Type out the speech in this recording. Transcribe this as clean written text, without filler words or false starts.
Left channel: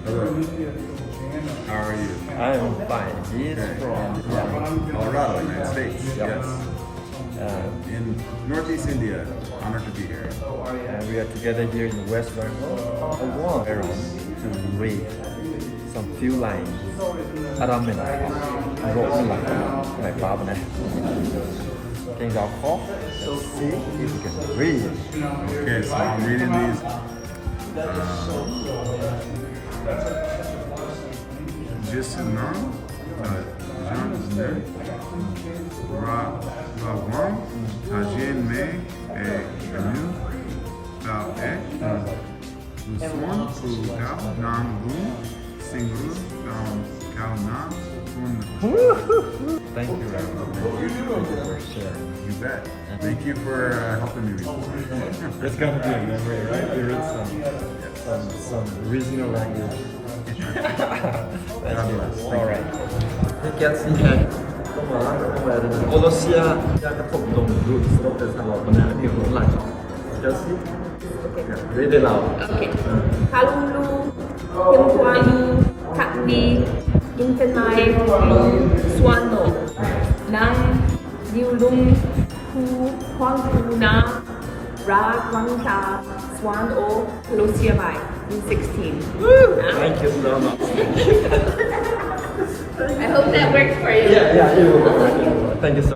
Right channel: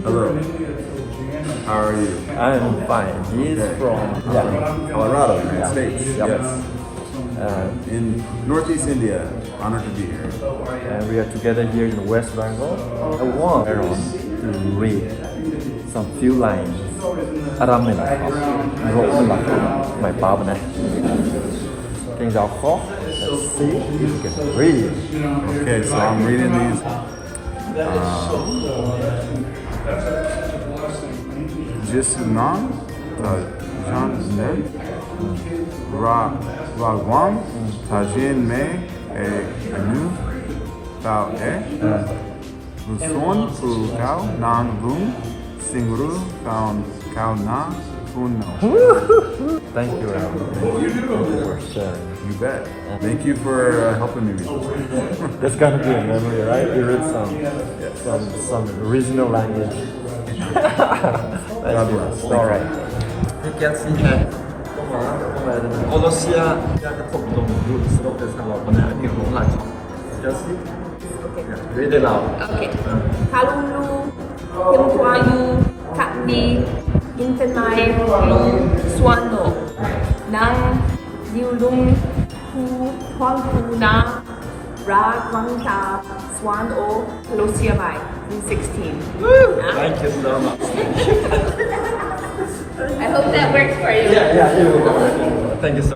Hello. How are you? I am fine. He's Okay. from From Colorado, United States. Yes. In Northeast India. Honored to be here. and we are together here in West Bengal. I want Aaron to read some few lines. Rongmei, my padikna. Things are called. Let's see if you can read. Okay, so I'm reading these. Jesu Ragwangh Nzian suan nangniw thuanckuna. Thank you, Aaron. Thank you for sharing. You bet. Thank you for helping me read this. That's gonna be a memory, right? You read some original language. God bless. Thank you. Kelsey had Colossia cái phục tùng group sắp tới sang một này nhiều cũng là Kelsey. Okay. Read it out. Okay. Kalumlu, hymthuanhlu, khatni, nthanmeilu, suan, nangniw, thuanckuna, Ragwangc, suan, KOLOSSIAMEI in 16. Thank you so much. I hope that works for you. Yeah, it will work. Thank you so much.